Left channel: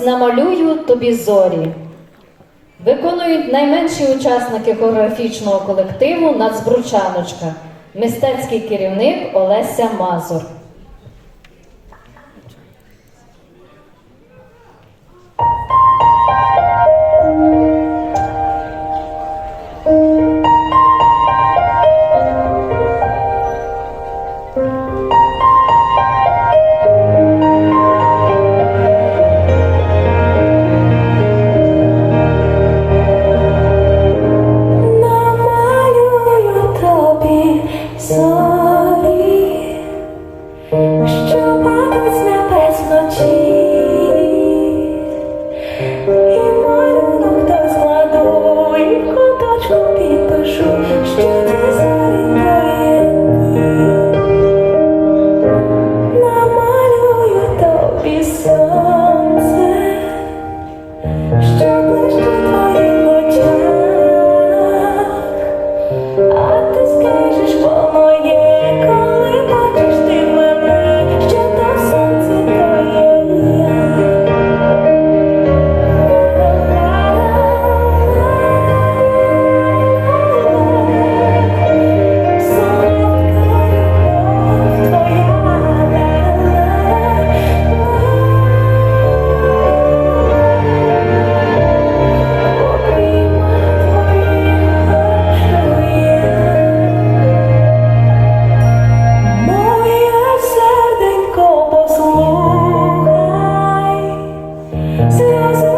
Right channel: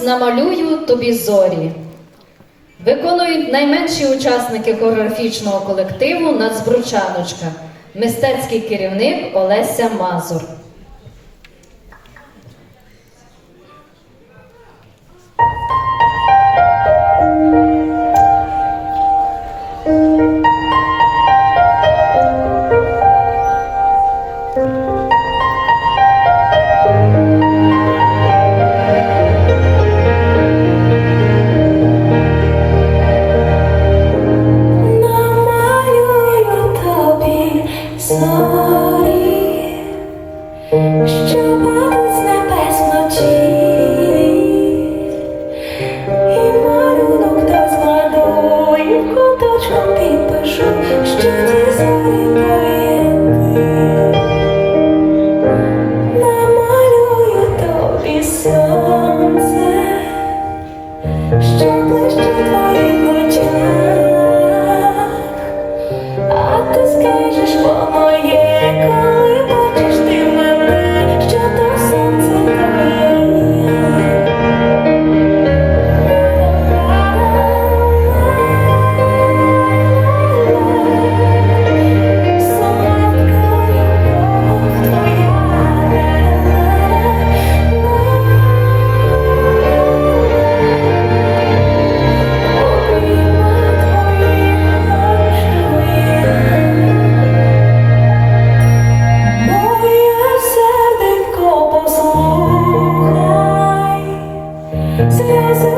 Намалюю тобі зорі. Виконують найменші учасники хореографічного колективу «Нацбручаночка», мистецький керівник Олеся Мазур. Що падуть з небес вночі, і малюнок та складу, і в куточку підпишу, що ті зорі поєдні. Намалюю тобі сонце, що блищить в твоїх очах, а ти скажеш, що моє, коли бачиш ти мене, що то сонце твоє я. Моє серденько, послухай, сльози